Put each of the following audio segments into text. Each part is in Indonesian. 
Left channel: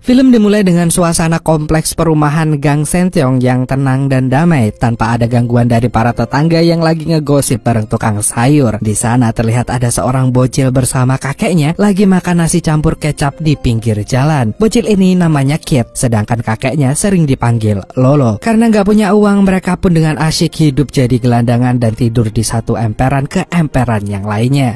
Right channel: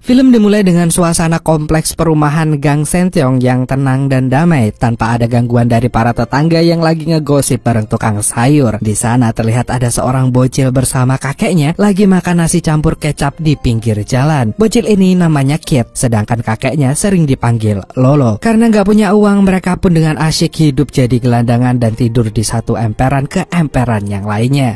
Film dimulai dengan suasana kompleks perumahan Gang Sentiong yang tenang dan damai tanpa ada gangguan dari para tetangga yang lagi ngegosip bareng tukang sayur. Di sana terlihat ada seorang bocil bersama kakeknya lagi makan nasi campur kecap di pinggir jalan. Bocil ini namanya Kit, sedangkan kakeknya sering dipanggil Lolo. Karena nggak punya uang, mereka pun dengan asyik hidup jadi gelandangan dan tidur di satu emperan ke emperan yang lainnya.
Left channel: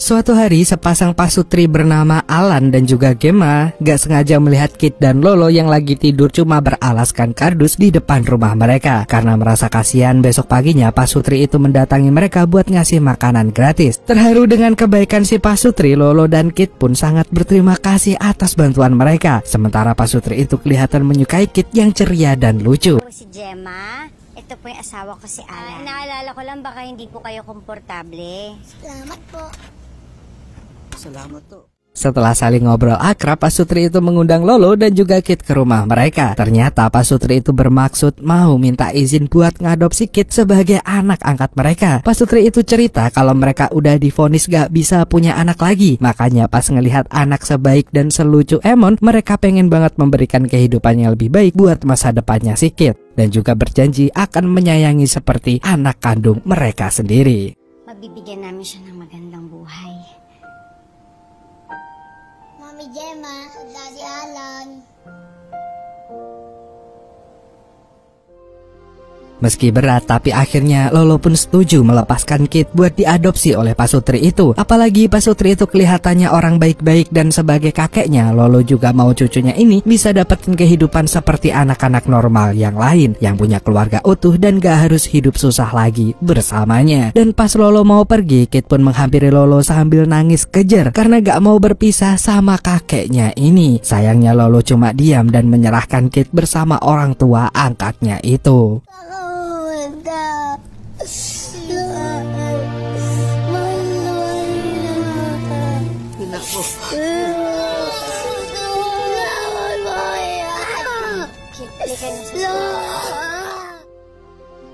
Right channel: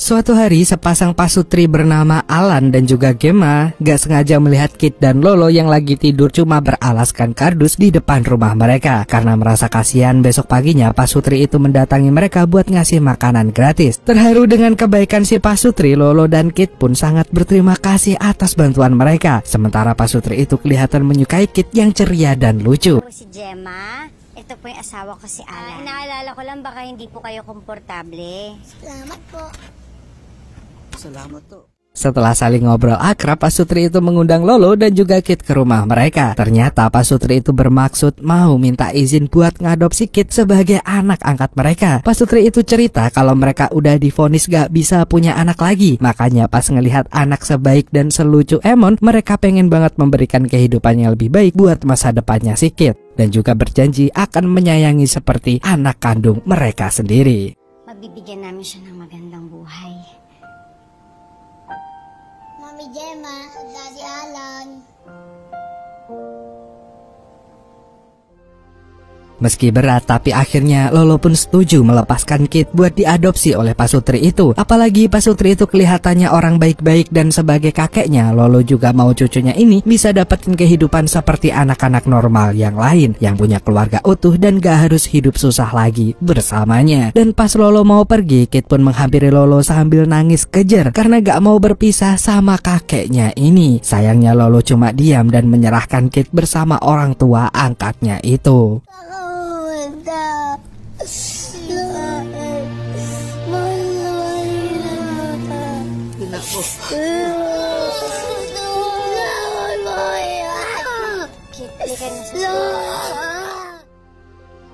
Suatu hari, sepasang pasutri bernama Alan dan juga Gemma gak sengaja melihat Kit dan Lolo yang lagi tidur cuma beralaskan kardus di depan rumah mereka. Karena merasa kasihan, besok paginya pasutri itu mendatangi mereka buat ngasih makanan gratis. Terharu dengan kebaikan si pasutri, Lolo dan Kit pun sangat berterima kasih atas bantuan mereka. Sementara pasutri itu kelihatan menyukai Kit yang ceria dan lucu. Si Gemma, ito po yung asawa ko si Alan. Naalala ko lang baka hindi po kayo komportable. Salamat po. Selamat tuh. Setelah saling ngobrol akrab, pasutri itu mengundang Lolo dan juga Kit ke rumah mereka. Ternyata pasutri itu bermaksud mau minta izin buat ngadopsi Kit sebagai anak angkat mereka. Pasutri itu cerita kalau mereka udah divonis gak bisa punya anak lagi. Makanya pas ngelihat anak sebaik dan selucu Emon, mereka pengen banget memberikan kehidupan yang lebih baik buat masa depannya si Kit. Dan juga berjanji akan menyayangi seperti anak kandung mereka sendiri. Mabibigyan namin siya ng magandang buhay. Mami Gemma, Daddy Alan. Meski berat, tapi akhirnya Lolo pun setuju melepaskan Kit buat diadopsi oleh pasutri itu. Apalagi pasutri itu kelihatannya orang baik-baik dan sebagai kakeknya, Lolo juga mau cucunya ini bisa dapetin kehidupan seperti anak-anak normal yang lain, yang punya keluarga utuh dan gak harus hidup susah lagi bersamanya. Dan pas Lolo mau pergi, Kit pun menghampiri Lolo sambil nangis kejer karena gak mau berpisah sama kakeknya ini. Sayangnya Lolo cuma diam dan menyerahkan Kit bersama orang tua angkatnya itu.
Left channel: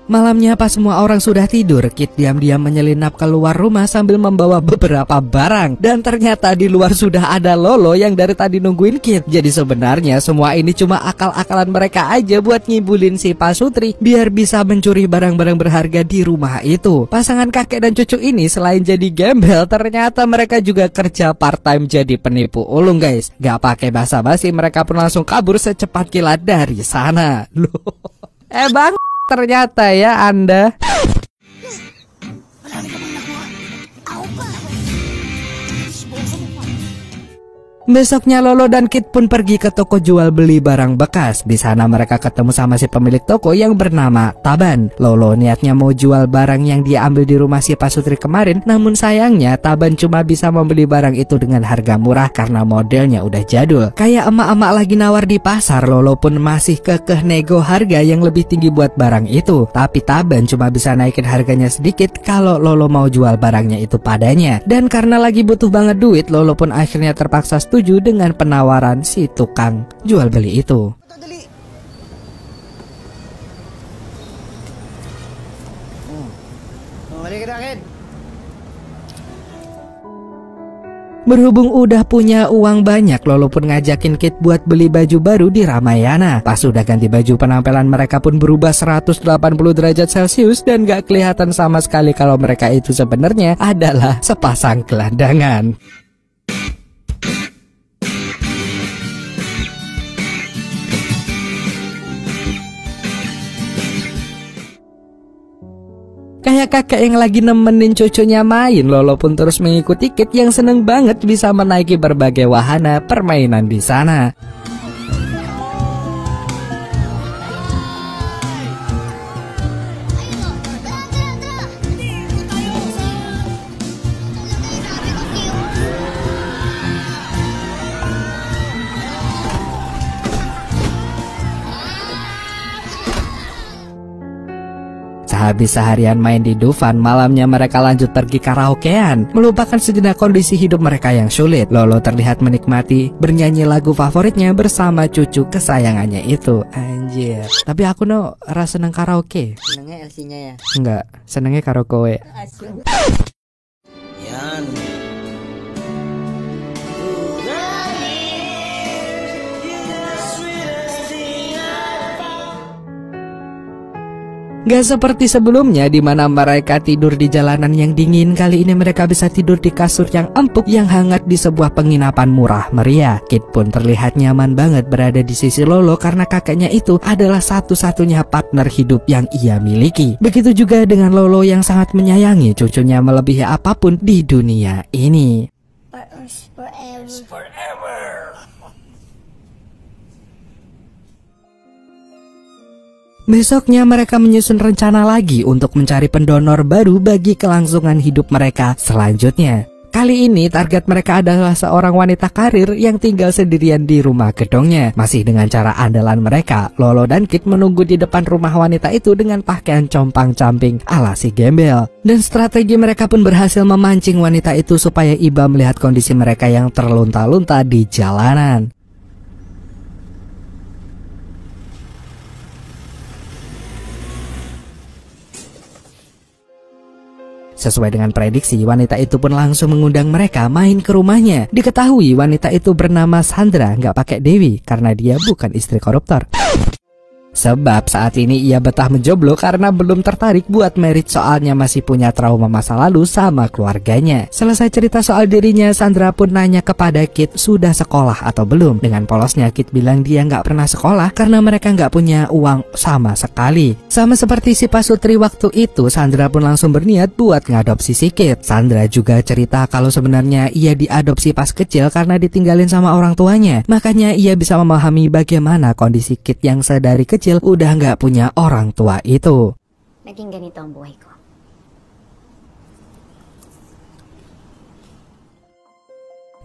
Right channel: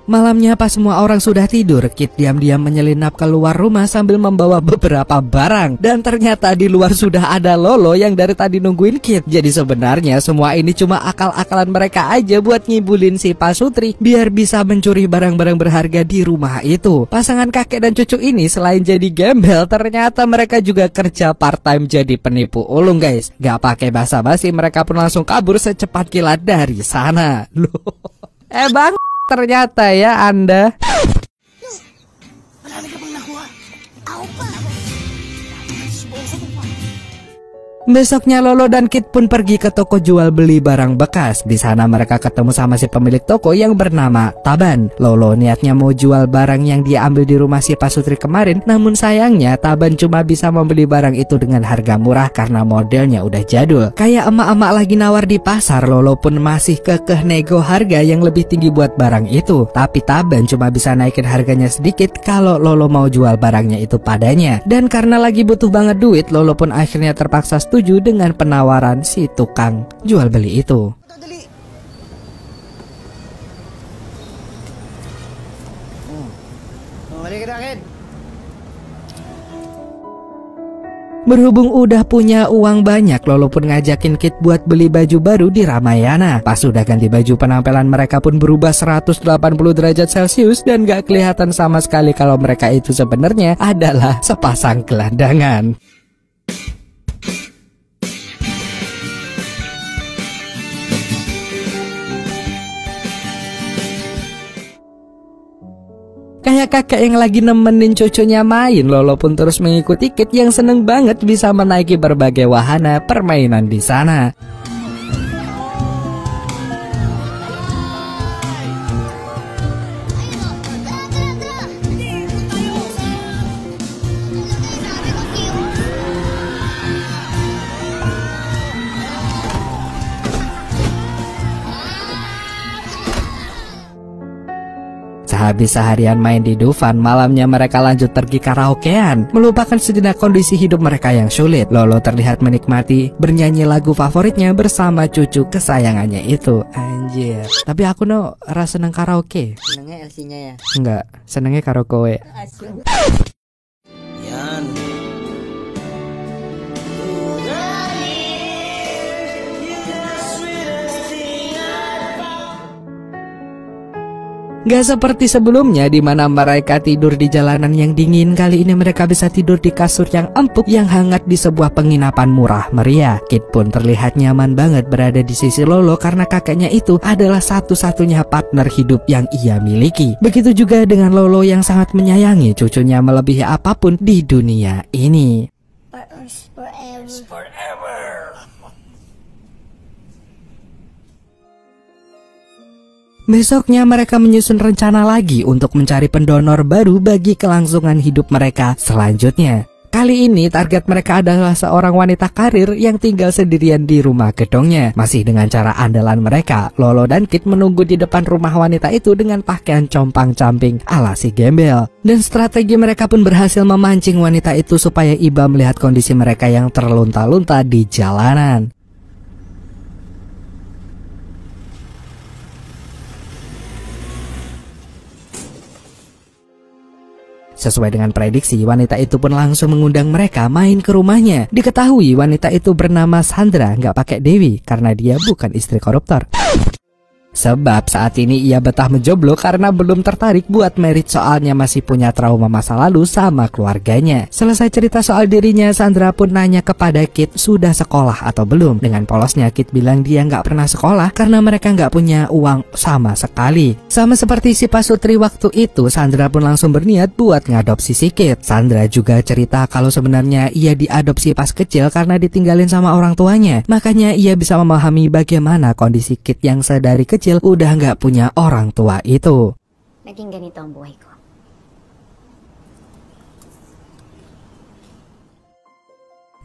Malamnya pas semua orang sudah tidur, Kit diam-diam menyelinap keluar rumah sambil membawa beberapa barang. Dan ternyata di luar sudah ada Lolo yang dari tadi nungguin Kit. Jadi sebenarnya semua ini cuma akal-akalan mereka aja buat ngibulin si pasutri biar bisa mencuri barang-barang berharga di rumah itu. Pasangan kakek dan cucu ini selain jadi gembel, ternyata mereka juga kerja part-time jadi penipu ulung guys. Gak pakai basa-basi, mereka pun langsung kabur secepat kilat dari sana. Loh, bang, ternyata ya Anda. Besoknya Lolo dan Kit pun pergi ke toko jual beli barang bekas. Di sana mereka ketemu sama si pemilik toko yang bernama Taban. Lolo niatnya mau jual barang yang dia ambil di rumah si pasutri kemarin. Namun sayangnya Taban cuma bisa membeli barang itu dengan harga murah karena modelnya udah jadul. Kayak emak-emak lagi nawar di pasar, Lolo pun masih kekeh nego harga yang lebih tinggi buat barang itu. Tapi Taban cuma bisa naikin harganya sedikit kalau Lolo mau jual barangnya itu padanya. Dan karena lagi butuh banget duit, Lolo pun akhirnya terpaksa setuju dengan penawaran si tukang jual beli itu. Berhubung udah punya uang banyak, Lolo pun ngajakin Kit buat beli baju baru di Ramayana. Pas udah ganti baju, penampilan mereka pun berubah 180 derajat Celcius dan gak kelihatan sama sekali kalau mereka itu sebenarnya adalah sepasang gelandangan. Kayak kakek yang lagi nemenin cucunya main, Lolo pun terus mengikuti Kit yang seneng banget bisa menaiki berbagai wahana permainan di sana. Habis seharian main di Dufan, malamnya mereka lanjut pergi karaokean, melupakan sejenak kondisi hidup mereka yang sulit. Lolo terlihat menikmati bernyanyi lagu favoritnya bersama cucu kesayangannya itu. Anjir. Tapi aku rasa seneng karaoke. Senengnya LC-nya ya? Enggak, senengnya karaoke. Gak seperti sebelumnya di mana mereka tidur di jalanan yang dingin. Kali ini mereka bisa tidur di kasur yang empuk yang hangat di sebuah penginapan murah meriah. Kit pun terlihat nyaman banget berada di sisi Lolo karena kakaknya itu adalah satu-satunya partner hidup yang ia miliki. Begitu juga dengan Lolo yang sangat menyayangi cucunya melebihi apapun di dunia ini. Besoknya mereka menyusun rencana lagi untuk mencari pendonor baru bagi kelangsungan hidup mereka selanjutnya. Kali ini target mereka adalah seorang wanita karir yang tinggal sendirian di rumah gedongnya. Masih dengan cara andalan mereka, Lolo dan Kit menunggu di depan rumah wanita itu dengan pakaian compang-camping ala si gembel. Dan strategi mereka pun berhasil memancing wanita itu supaya iba melihat kondisi mereka yang terlunta-lunta di jalanan. Sesuai dengan prediksi, wanita itu pun langsung mengundang mereka main ke rumahnya. Diketahui wanita itu bernama Sandra, nggak pakai Dewi, karena dia bukan istri koruptor. Sebab saat ini ia betah menjomblo karena belum tertarik buat merit soalnya masih punya trauma masa lalu sama keluarganya. Selesai cerita soal dirinya, Sandra pun nanya kepada Kit sudah sekolah atau belum. Dengan polosnya Kit bilang dia nggak pernah sekolah karena mereka nggak punya uang sama sekali. Sama seperti si pasutri waktu itu, Sandra pun langsung berniat buat ngadopsi si Kit. Sandra juga cerita kalau sebenarnya ia diadopsi pas kecil karena ditinggalin sama orang tuanya. Makanya ia bisa memahami bagaimana kondisi Kit yang sedari kecil udah nggak punya orang tua itu. Naging ganito ang buhay ko.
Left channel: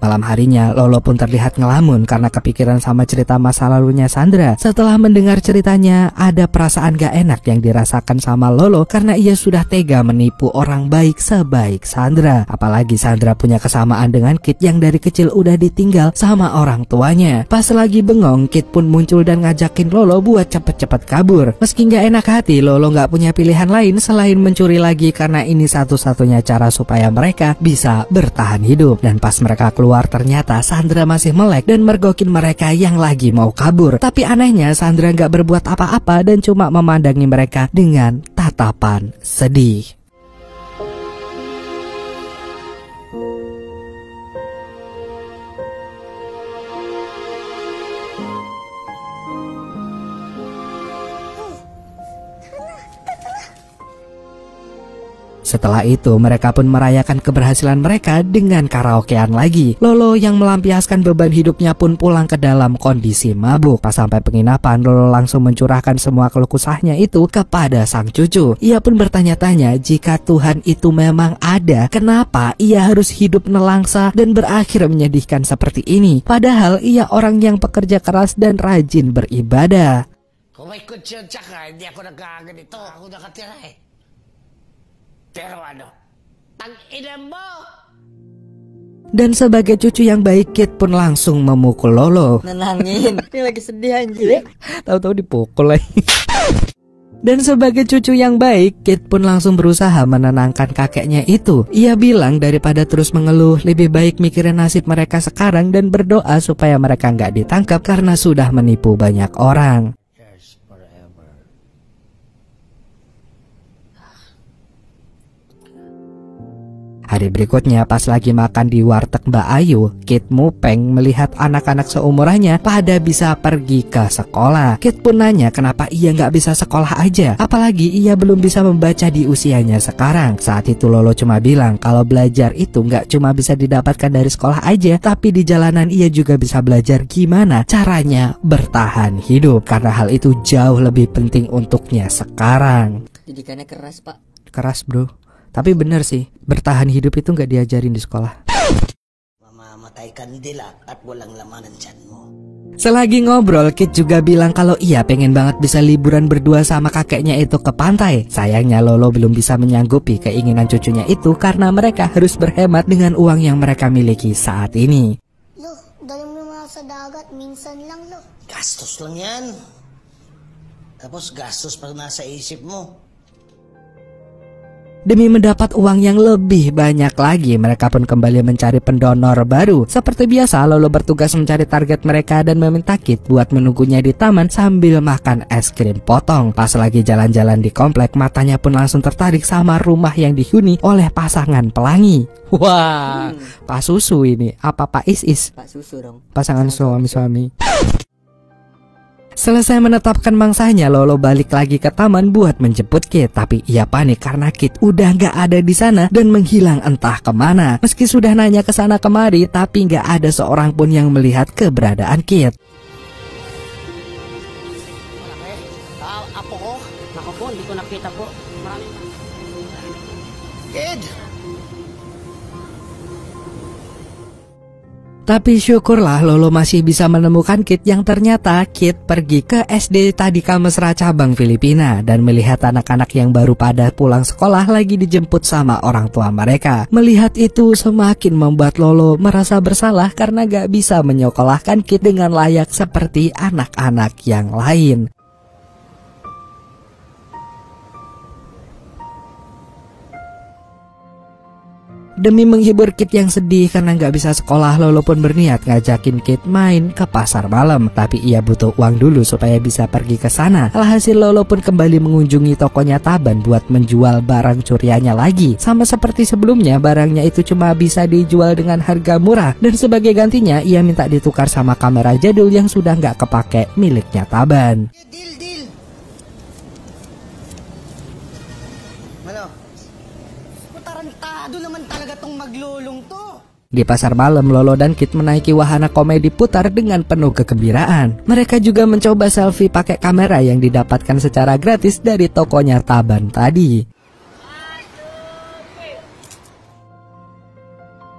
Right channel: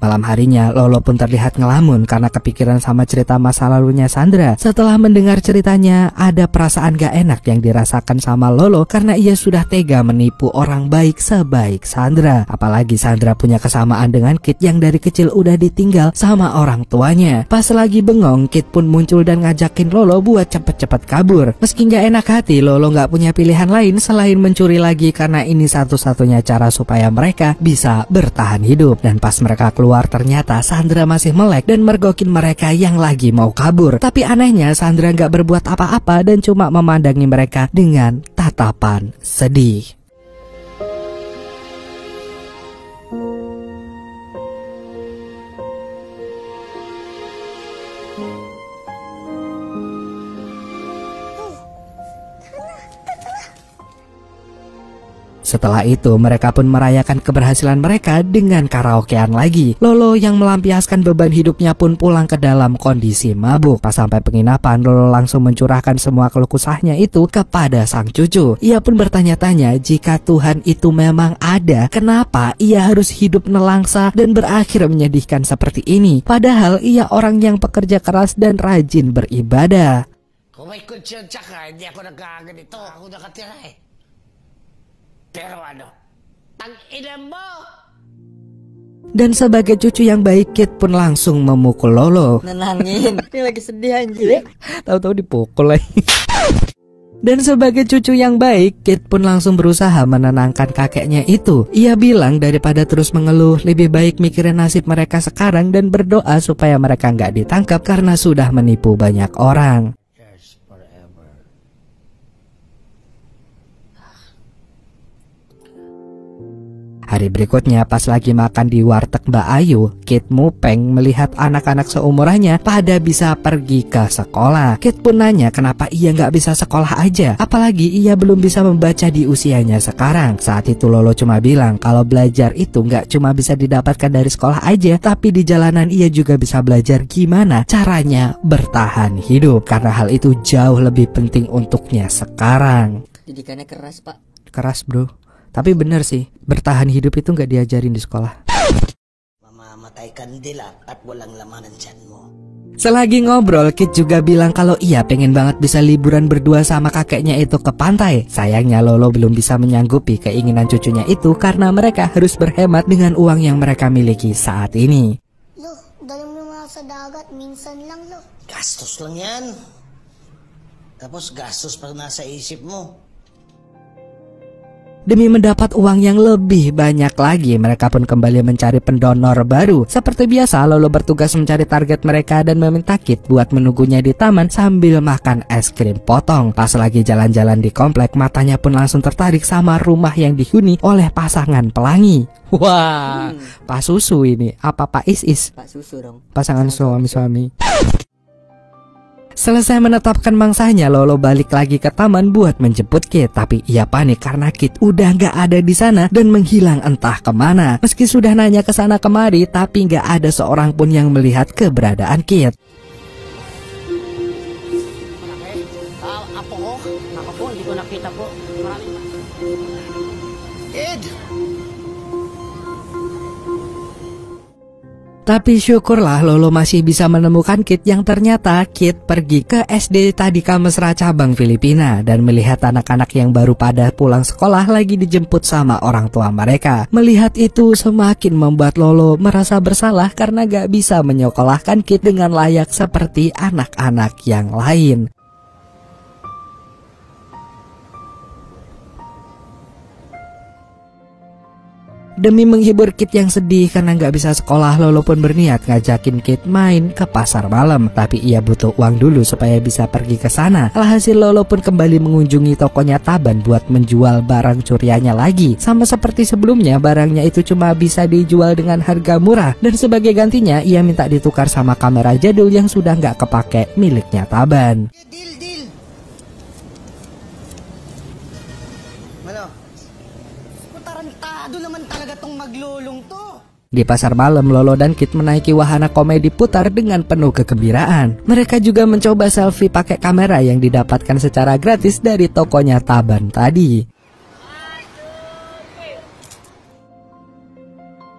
Malam harinya, Lolo pun terlihat ngelamun karena kepikiran sama cerita masa lalunya Sandra. Setelah mendengar ceritanya, ada perasaan gak enak yang dirasakan sama Lolo karena ia sudah tega menipu orang baik sebaik Sandra. Apalagi Sandra punya kesamaan dengan Kit yang dari kecil udah ditinggal sama orang tuanya. Pas lagi bengong, Kit pun muncul dan ngajakin Lolo buat cepet-cepet kabur. Meski gak enak hati, Lolo gak punya pilihan lain selain mencuri lagi karena ini satu-satunya cara supaya mereka bisa bertahan hidup. Dan pas mereka keluar, ternyata Sandra masih melek dan mergokin mereka yang lagi mau kabur. Tapi anehnya Sandra nggak berbuat apa-apa dan cuma memandangi mereka dengan tatapan sedih. Setelah itu mereka pun merayakan keberhasilan mereka dengan karaokean lagi. Lolo yang melampiaskan beban hidupnya pun pulang ke dalam kondisi mabuk. Pas sampai penginapan, Lolo langsung mencurahkan semua keluh kesahnya itu kepada sang cucu. Ia pun bertanya-tanya jika Tuhan itu memang ada, kenapa ia harus hidup nelangsa dan berakhir menyedihkan seperti ini. Padahal ia orang yang pekerja keras dan rajin beribadah. Kung ikut siya tsaka, hindi ako nagkaganito. Ako nakatiyahe. Pero ano, tang-ina mo! Dan sebagai cucu yang baik, Kit pun langsung memukul Lolo. Nenangin, ini lagi sedih anjir. Tahu-tahu dipukul lagi. Dan sebagai cucu yang baik, Kit pun langsung berusaha menenangkan kakeknya itu. Ia bilang daripada terus mengeluh, lebih baik mikirin nasib mereka sekarang dan berdoa supaya mereka nggak ditangkap karena sudah menipu banyak orang. Hari berikutnya pas lagi makan di warteg Mbak Ayu, Kit mupeng melihat anak-anak seumurannya pada bisa pergi ke sekolah. Kit pun nanya kenapa ia nggak bisa sekolah aja, apalagi ia belum bisa membaca di usianya sekarang. Saat itu Lolo cuma bilang kalau belajar itu nggak cuma bisa didapatkan dari sekolah aja, tapi di jalanan ia juga bisa belajar gimana caranya bertahan hidup, karena hal itu jauh lebih penting untuknya sekarang. Didikannya keras, Pak. Keras bro. Tapi bener sih, bertahan hidup itu nggak diajarin di sekolah. Mamamatay ka din at walang laman ang tiyan mo. Selagi ngobrol, Kit juga bilang kalau ia pengen banget bisa liburan berdua sama kakeknya itu ke pantai. Sayangnya Lolo belum bisa menyanggupi keinginan cucunya itu karena mereka harus berhemat dengan uang yang mereka miliki saat ini. Loh, dalam naman sa dagat, minsan lang, lo. Gastos lang yan. Tapos gastos pa nasa isip mo. Demi mendapat uang yang lebih banyak lagi, mereka pun kembali mencari pendonor baru. Seperti biasa, Lolo bertugas mencari target mereka dan meminta Kit buat menunggunya di taman sambil makan es krim potong. Pas lagi jalan-jalan di komplek, matanya pun langsung tertarik sama rumah yang dihuni oleh pasangan pelangi. Wah, Pak Susu ini, apa Pak Is? Pak Susu dong. Pasangan suami-suami. Selesai menetapkan mangsanya, Lolo balik lagi ke taman buat menjemput Kit. Tapi ia panik karena Kit udah gak ada di sana dan menghilang entah kemana. Meski sudah nanya ke sana kemari, tapi gak ada seorang pun yang melihat keberadaan Kit. Apo mo? Ako, di ko nakita po. Ha? Ed! Tapi syukurlah Lolo masih bisa menemukan Kit yang ternyata Kit pergi ke SD Tadika Mesra cabang Filipina dan melihat anak-anak yang baru pada pulang sekolah lagi dijemput sama orang tua mereka. Melihat itu semakin membuat Lolo merasa bersalah karena gak bisa menyekolahkan Kit dengan layak seperti anak-anak yang lain. Demi menghibur Kit yang sedih karena nggak bisa sekolah, Lolo pun berniat ngajakin Kit main ke pasar malam. Tapi ia butuh uang dulu supaya bisa pergi ke sana. Alhasil Lolo pun kembali mengunjungi tokonya Taban buat menjual barang curiannya lagi. Sama seperti sebelumnya, barangnya itu cuma bisa dijual dengan harga murah. Dan sebagai gantinya, ia minta ditukar sama kamera jadul yang sudah nggak kepake miliknya Taban. Di pasar malam, Lolo dan Kit menaiki wahana komedi putar dengan penuh kegembiraan. Mereka juga mencoba selfie pakai kamera yang didapatkan secara gratis dari tokonya Taban tadi.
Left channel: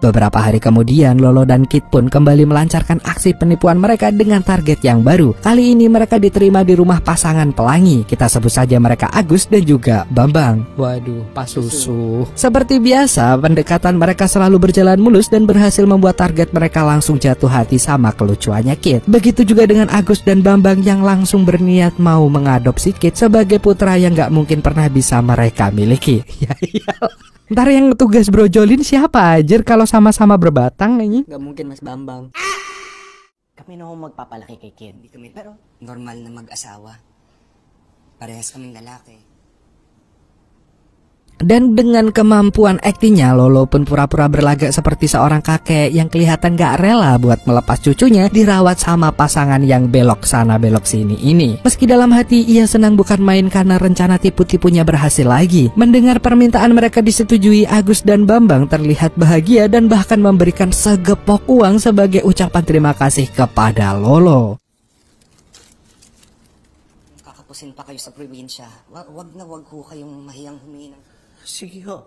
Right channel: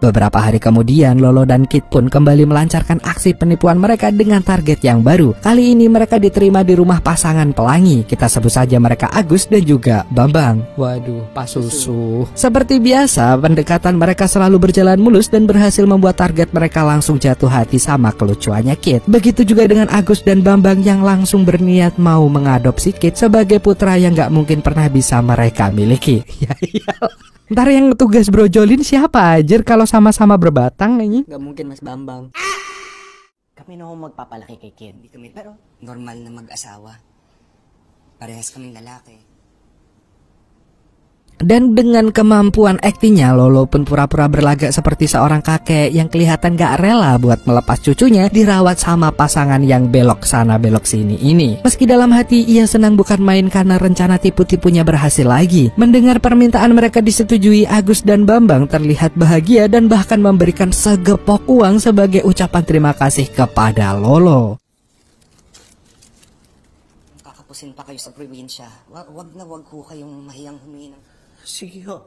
Beberapa hari kemudian, Lolo dan Kit pun kembali melancarkan aksi penipuan mereka dengan target yang baru. Kali ini mereka diterima di rumah pasangan pelangi. Kita sebut saja mereka Agus dan juga Bambang. Waduh, Pak Susu. Seperti biasa, pendekatan mereka selalu berjalan mulus dan berhasil membuat target mereka langsung jatuh hati sama kelucuannya Kit. Begitu juga dengan Agus dan Bambang yang langsung berniat mau mengadopsi Kit sebagai putra yang gak mungkin pernah bisa mereka miliki. Ya iyalah. Ntar yang tugas brojolin siapa aja kalau sama-sama berbatang ini? Gak mungkin Mas Bambang. Kami na magpapalaki kay Kid. Pero normal na mag-asawa. Parehas kaming lalaki. Dan dengan kemampuan aktingnya, Lolo pun pura-pura berlagak seperti seorang kakek yang kelihatan gak rela buat melepas cucunya dirawat sama pasangan yang belok sana belok sini ini. Meski dalam hati ia senang bukan main karena rencana tipu-tipunya berhasil lagi. Mendengar permintaan mereka disetujui, Agus dan Bambang terlihat bahagia dan bahkan memberikan segepok uang sebagai ucapan terima kasih kepada Lolo. Pakipasin pa kayo sa probinsya. Wag na wag ho kayong mahiyang huminang. Sige ho.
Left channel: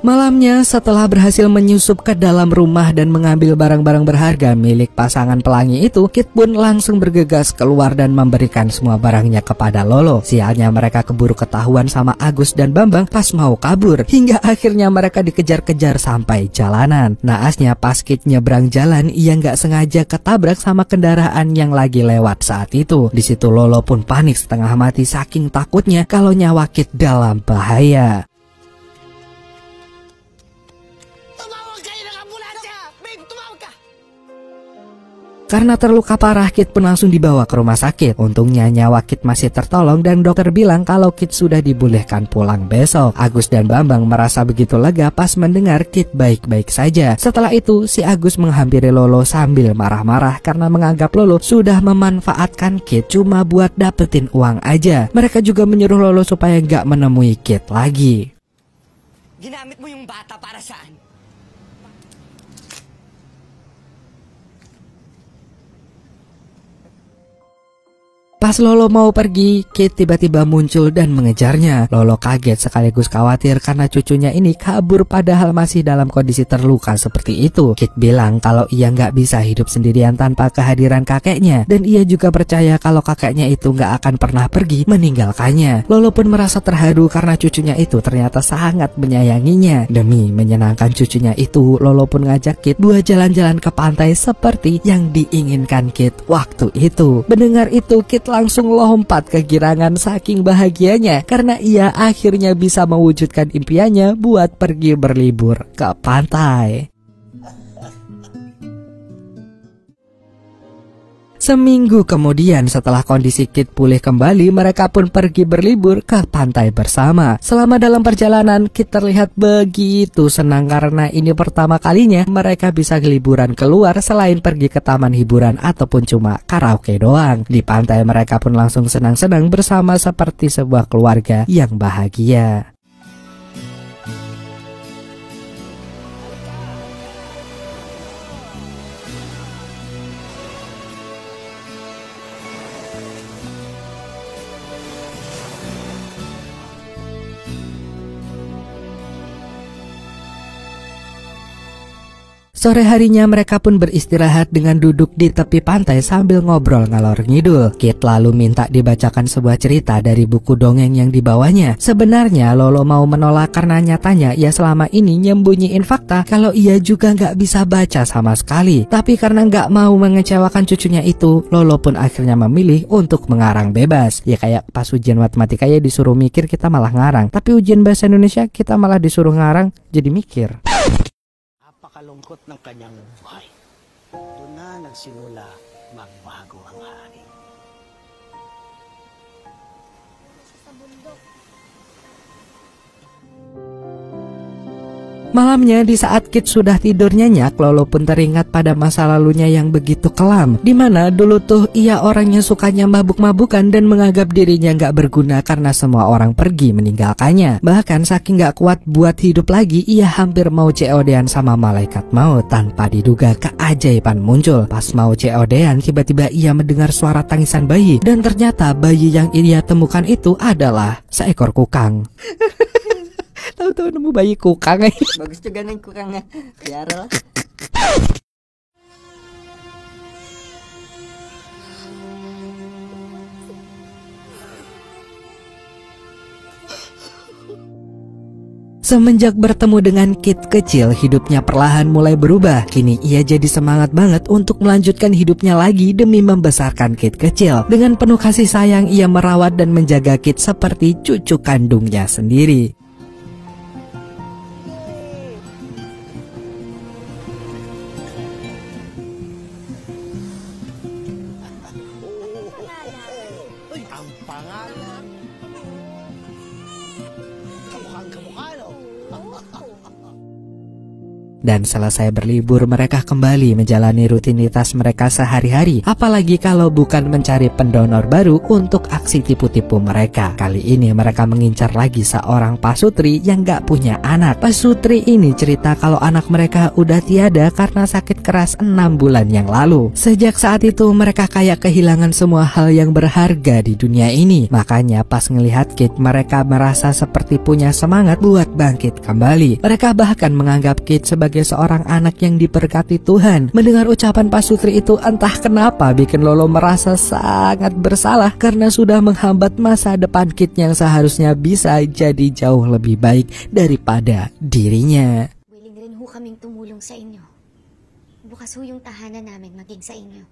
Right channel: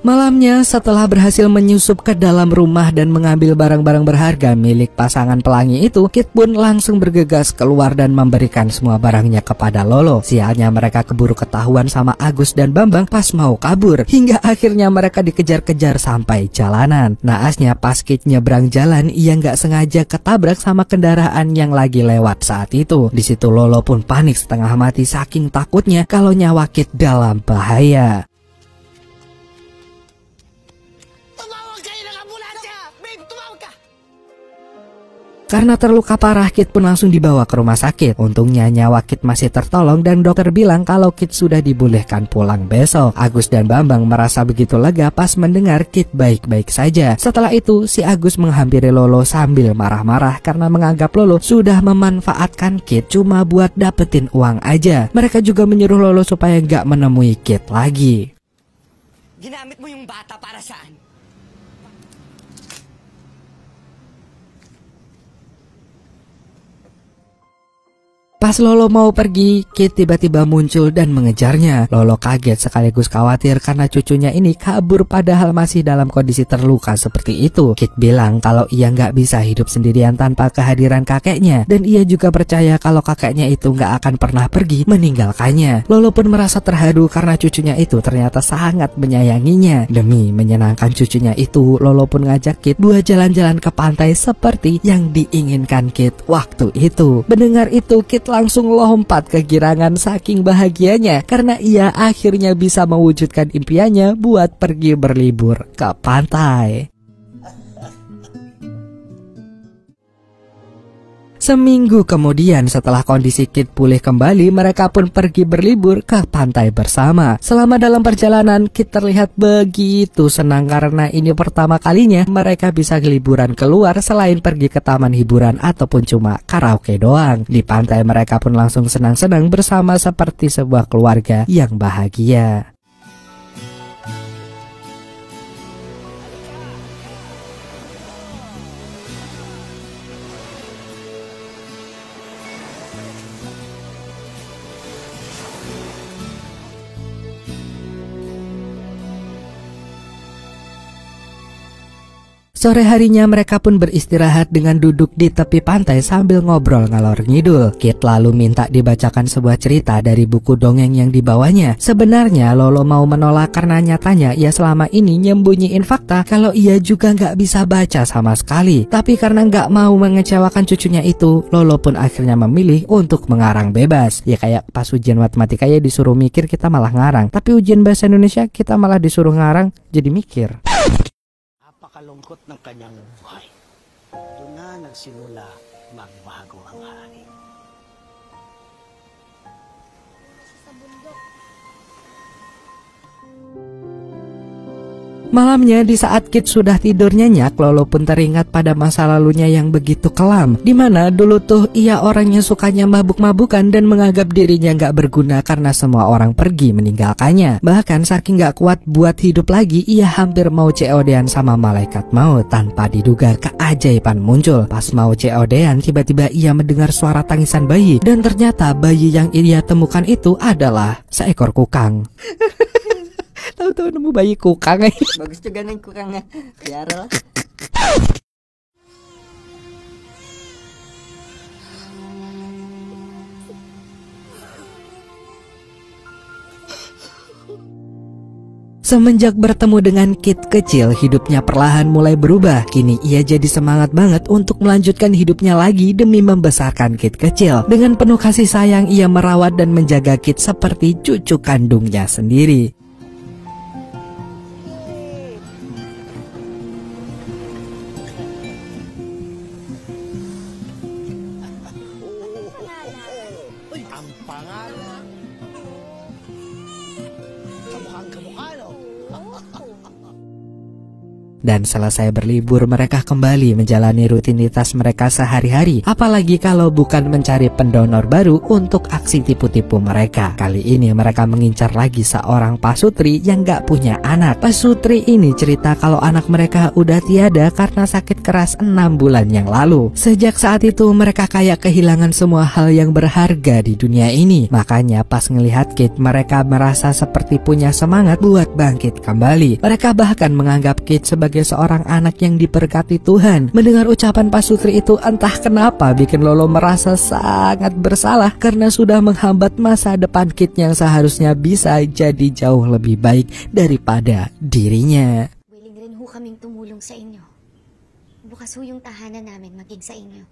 Malamnya, setelah berhasil menyusup ke dalam rumah dan mengambil barang-barang berharga milik pasangan pelangi itu, Kit pun langsung bergegas keluar dan memberikan semua barangnya kepada Lolo. Sialnya mereka keburu ketahuan sama Agus dan Bambang pas mau kabur, hingga akhirnya mereka dikejar-kejar sampai jalanan. Naasnya pas Kit nyebrang jalan, ia nggak sengaja ketabrak sama kendaraan yang lagi lewat saat itu. Di situ Lolo pun panik setengah mati saking takutnya kalau nyawa Kit dalam bahaya. Karena terluka parah, Kit pun langsung dibawa ke rumah sakit. Untungnya nyawa Kit masih tertolong dan dokter bilang kalau Kit sudah dibolehkan pulang besok. Agus dan Bambang merasa begitu lega pas mendengar Kit baik-baik saja. Setelah itu, si Agus menghampiri Lolo sambil marah-marah karena menganggap Lolo sudah memanfaatkan Kit cuma buat dapetin uang aja. Mereka juga menyuruh Lolo supaya nggak menemui Kit lagi. Ginamit mo yung bata para saan? Pas Lolo mau pergi, Kit tiba-tiba muncul dan mengejarnya. Lolo kaget sekaligus khawatir karena cucunya ini kabur padahal masih dalam kondisi terluka seperti itu. Kit bilang kalau ia nggak bisa hidup sendirian tanpa kehadiran kakeknya, dan ia juga percaya kalau kakeknya itu nggak akan pernah pergi meninggalkannya. Lolo pun merasa terharu karena cucunya itu ternyata sangat menyayanginya. Demi menyenangkan cucunya itu, Lolo pun ngajak Kit buat jalan-jalan ke pantai seperti yang diinginkan Kit waktu itu. Mendengar itu, Kit langsung lompat kegirangan saking bahagianya karena ia akhirnya bisa mewujudkan impiannya buat pergi berlibur ke pantai. Seminggu kemudian setelah kondisi Kit pulih kembali, mereka pun pergi berlibur ke pantai bersama. Selama dalam perjalanan, Kit terlihat begitu senang karena ini pertama kalinya mereka bisa liburan keluar selain pergi ke taman hiburan ataupun cuma karaoke doang. Di pantai mereka pun langsung senang-senang bersama seperti sebuah keluarga yang bahagia. Sore harinya mereka pun beristirahat dengan duduk di tepi pantai sambil ngobrol ngalor ngidul. Kit lalu minta dibacakan sebuah cerita dari buku dongeng yang dibawanya. Sebenarnya Lolo mau menolak karena nyatanya ia selama ini nyembunyiin fakta kalau ia juga nggak bisa baca sama sekali. Tapi karena nggak mau mengecewakan cucunya itu, Lolo pun akhirnya memilih untuk mengarang bebas. Ya kayak pas ujian matematika ya disuruh mikir kita malah ngarang. Tapi ujian bahasa Indonesia kita malah disuruh ngarang jadi mikir. Kalungkot ng kanyang buhay. Ito na nagsimula magbago ang hari. Malamnya di saat Kit sudah tidur nyenyak, Lolo pun teringat pada masa lalunya yang begitu kelam. Dimana dulu tuh ia orang yang sukanya mabuk-mabukan dan menganggap dirinya gak berguna karena semua orang pergi meninggalkannya. Bahkan saking gak kuat buat hidup lagi, ia hampir mau COD-an sama malaikat maut. Tanpa diduga keajaiban muncul. Pas mau COD-an, tiba-tiba ia mendengar suara tangisan bayi. Dan ternyata bayi yang ia temukan itu adalah seekor kukang. Tahu-tahu nemu bayi kukang. Bagus juga nih kukangnya. Biar lah. Semenjak bertemu dengan Kit kecil, hidupnya perlahan mulai berubah. Kini ia jadi semangat banget untuk melanjutkan hidupnya lagi demi membesarkan Kit kecil. Dengan penuh kasih sayang, ia merawat dan menjaga Kit seperti cucu kandungnya sendiri. Dan selesai berlibur, mereka kembali menjalani rutinitas mereka sehari-hari. Apalagi kalau bukan mencari pendonor baru untuk aksi tipu-tipu mereka. Kali ini mereka mengincar lagi seorang pasutri yang gak punya anak. Pasutri ini cerita kalau anak mereka udah tiada karena sakit keras 6 bulan yang lalu. Sejak saat itu mereka kayak kehilangan semua hal yang berharga di dunia ini. Makanya pas ngelihat Kit, mereka merasa seperti punya semangat buat bangkit kembali. Mereka bahkan menganggap Kit sebagai seorang anak yang diberkati Tuhan. Mendengar ucapan pasutri itu entah kenapa bikin Lolo merasa sangat bersalah karena sudah menghambat masa depan Kit yang seharusnya bisa jadi jauh lebih baik daripada dirinya. Willing ho kaming tumulong sa inyo. Bukas ho yung tahanan namin maging sa inyo.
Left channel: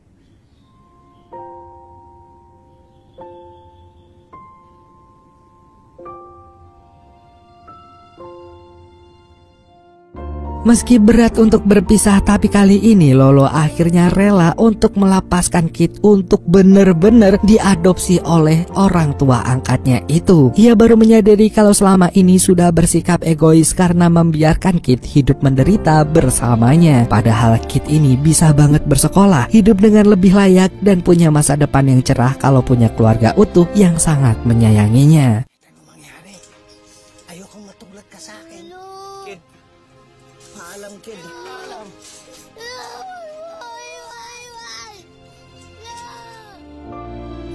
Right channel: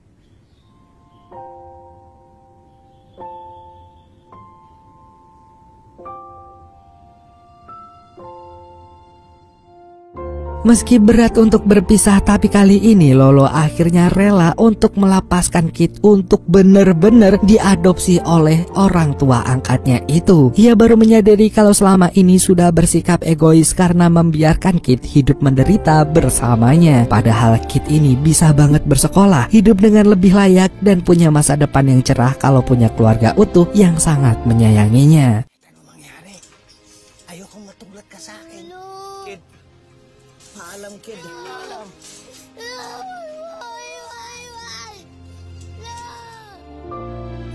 Meski berat untuk berpisah, tapi kali ini Lolo akhirnya rela untuk melepaskan Kit untuk benar-benar diadopsi oleh orang tua angkatnya itu. Ia baru menyadari kalau selama ini sudah bersikap egois karena membiarkan Kit hidup menderita bersamanya. Padahal Kit ini bisa banget bersekolah, hidup dengan lebih layak, dan punya masa depan yang cerah kalau punya keluarga utuh yang sangat menyayanginya.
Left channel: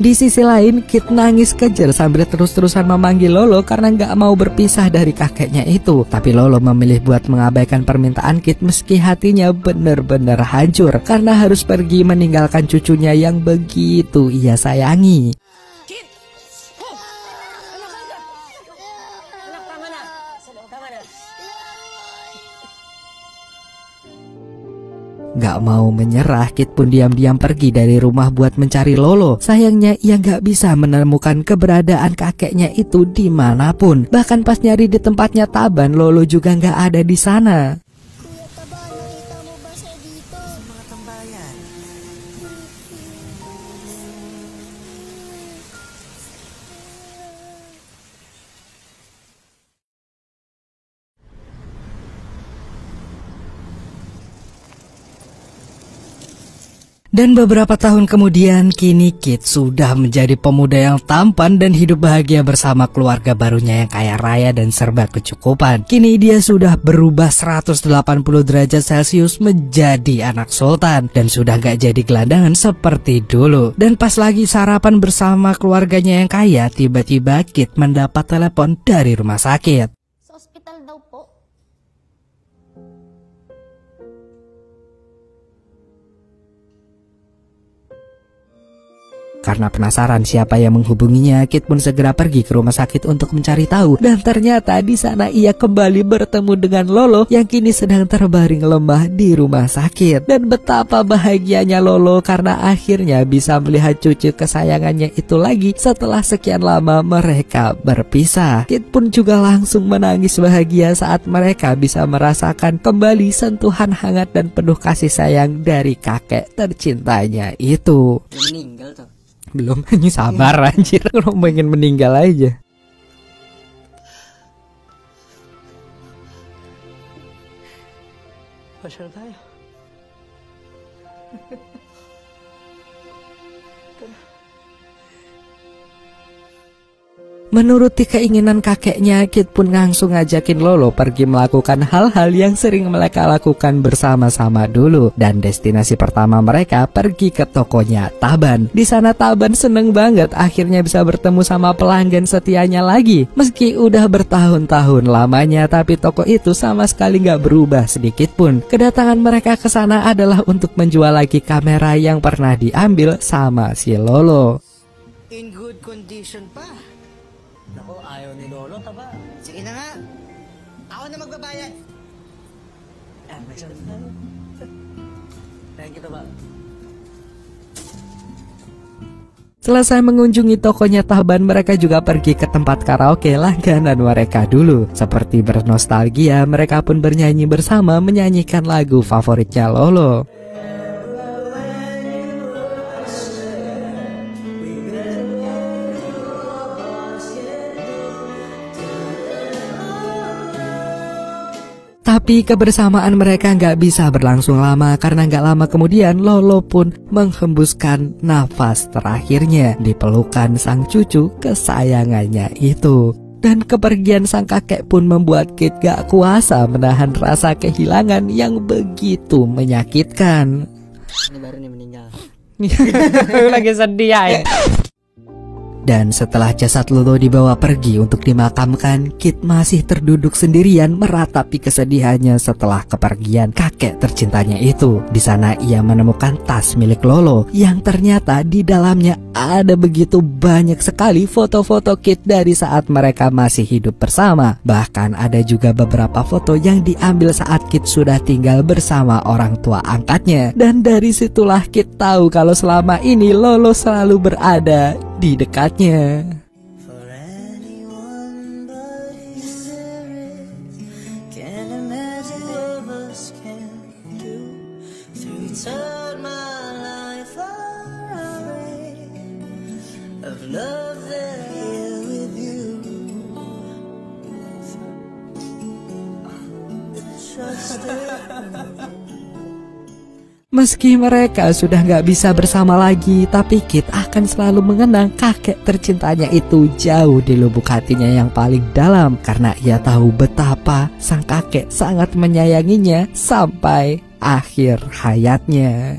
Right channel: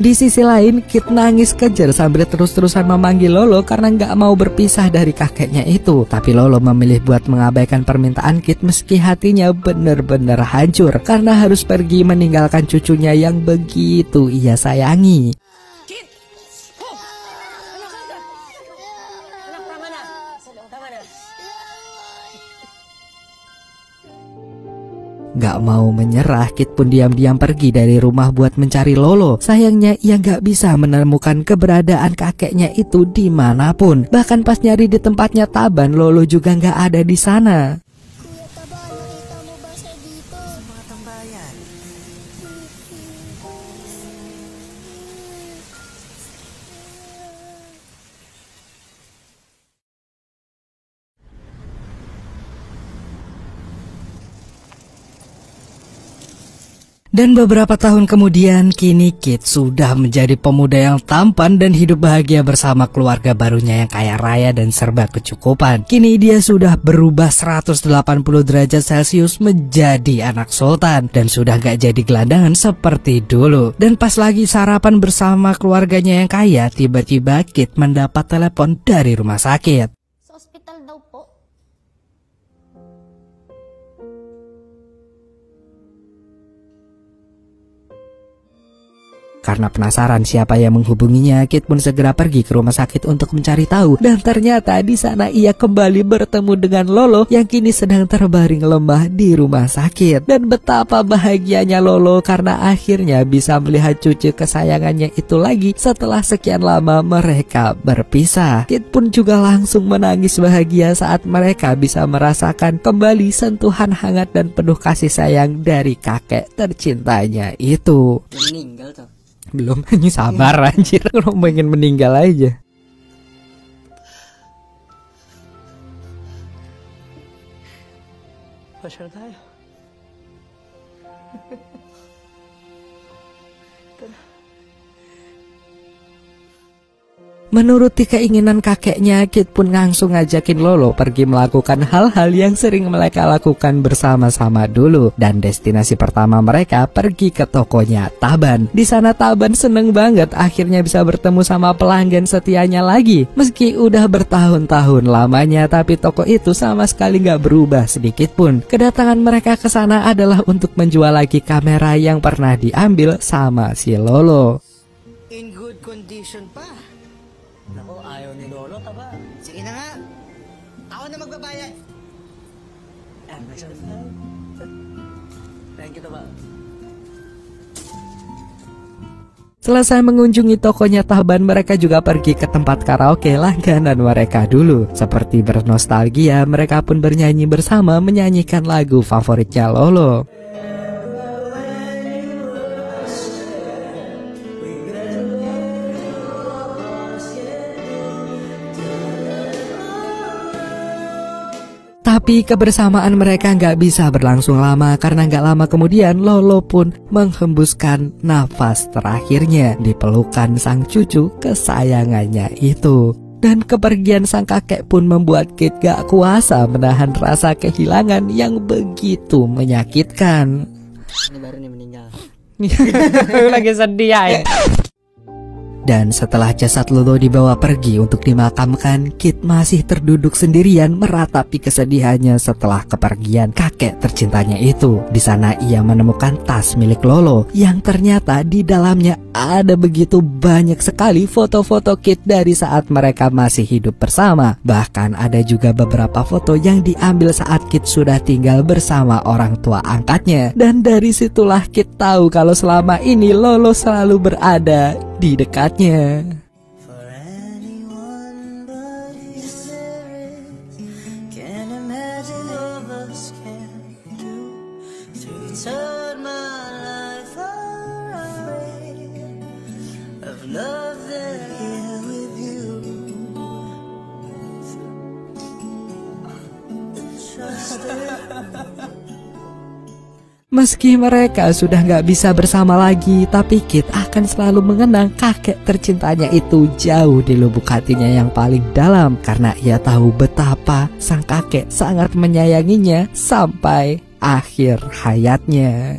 Di sisi lain, Kit nangis kejer sambil terus-terusan memanggil Lolo karena nggak mau berpisah dari kakeknya itu. Tapi Lolo memilih buat mengabaikan permintaan Kit meski hatinya benar-benar hancur karena harus pergi meninggalkan cucunya yang begitu ia sayangi. Gak mau menyerah, Kit pun diam-diam pergi dari rumah buat mencari Lolo. Sayangnya ia gak bisa menemukan keberadaan kakeknya itu dimanapun. Bahkan pas nyari di tempatnya Taban, Lolo juga gak ada di sana. Dan beberapa tahun kemudian, kini Kit sudah menjadi pemuda yang tampan dan hidup bahagia bersama keluarga barunya yang kaya raya dan serba kecukupan. Kini dia sudah berubah 180 derajat Celcius menjadi anak sultan dan sudah gak jadi gelandangan seperti dulu. Dan pas lagi sarapan bersama keluarganya yang kaya, tiba-tiba Kit mendapat telepon dari rumah sakit. Karena penasaran siapa yang menghubunginya, Kit pun segera pergi ke rumah sakit untuk mencari tahu. Dan ternyata di sana ia kembali bertemu dengan Lolo yang kini sedang terbaring lemah di rumah sakit. Dan betapa bahagianya Lolo karena akhirnya bisa melihat cucu kesayangannya itu lagi setelah sekian lama mereka berpisah. Kit pun juga langsung menangis bahagia saat mereka bisa merasakan kembali sentuhan hangat dan penuh kasih sayang dari kakek tercintanya itu. Meninggal tuh. Belum, ini sabar anjir, kalau pengen meninggal aja. Menuruti keinginan kakeknya, Kit pun langsung ngajakin Lolo pergi melakukan hal-hal yang sering mereka lakukan bersama-sama dulu. Dan destinasi pertama mereka pergi ke tokonya Taban. Di sana Taban seneng banget akhirnya bisa bertemu sama pelanggan setianya lagi. Meski udah bertahun-tahun lamanya, tapi toko itu sama sekali gak berubah sedikit pun. Kedatangan mereka ke sana adalah untuk menjual lagi kamera yang pernah diambil sama si Lolo. In good condition pa. Ako, ayaw ni Lolo pa ba? Sige na nga. Ako na magbabayad. Thank you, ba? Selesai mengunjungi tokonya Taban, mereka juga pergi ke tempat karaoke langganan mereka dulu. Seperti bernostalgia, mereka pun bernyanyi bersama menyanyikan lagu favoritnya Lolo. Tapi kebersamaan mereka nggak bisa berlangsung lama karena nggak lama kemudian Lolo pun menghembuskan nafas terakhirnya di pelukan sang cucu kesayangannya itu. Dan kepergian sang kakek pun membuat Kit gak kuasa menahan rasa kehilangan yang begitu menyakitkan. Ini baru nih meninggal. Lagi sedih ya. Dan setelah jasad Lolo dibawa pergi untuk dimakamkan, Kit masih terduduk sendirian meratapi kesedihannya setelah kepergian kakek tercintanya itu. Di sana ia menemukan tas milik Lolo yang ternyata di dalamnya ada begitu banyak sekali foto-foto Kit dari saat mereka masih hidup bersama. Bahkan ada juga beberapa foto yang diambil saat Kit sudah tinggal bersama orang tua angkatnya. Dan dari situlah Kit tahu kalau selama ini Lolo selalu berada di dekatnya. Meski mereka sudah gak bisa bersama lagi, tapi Kit akan selalu mengenang kakek tercintanya itu jauh di lubuk hatinya yang paling dalam. Karena ia tahu betapa sang kakek sangat menyayanginya sampai akhir hayatnya.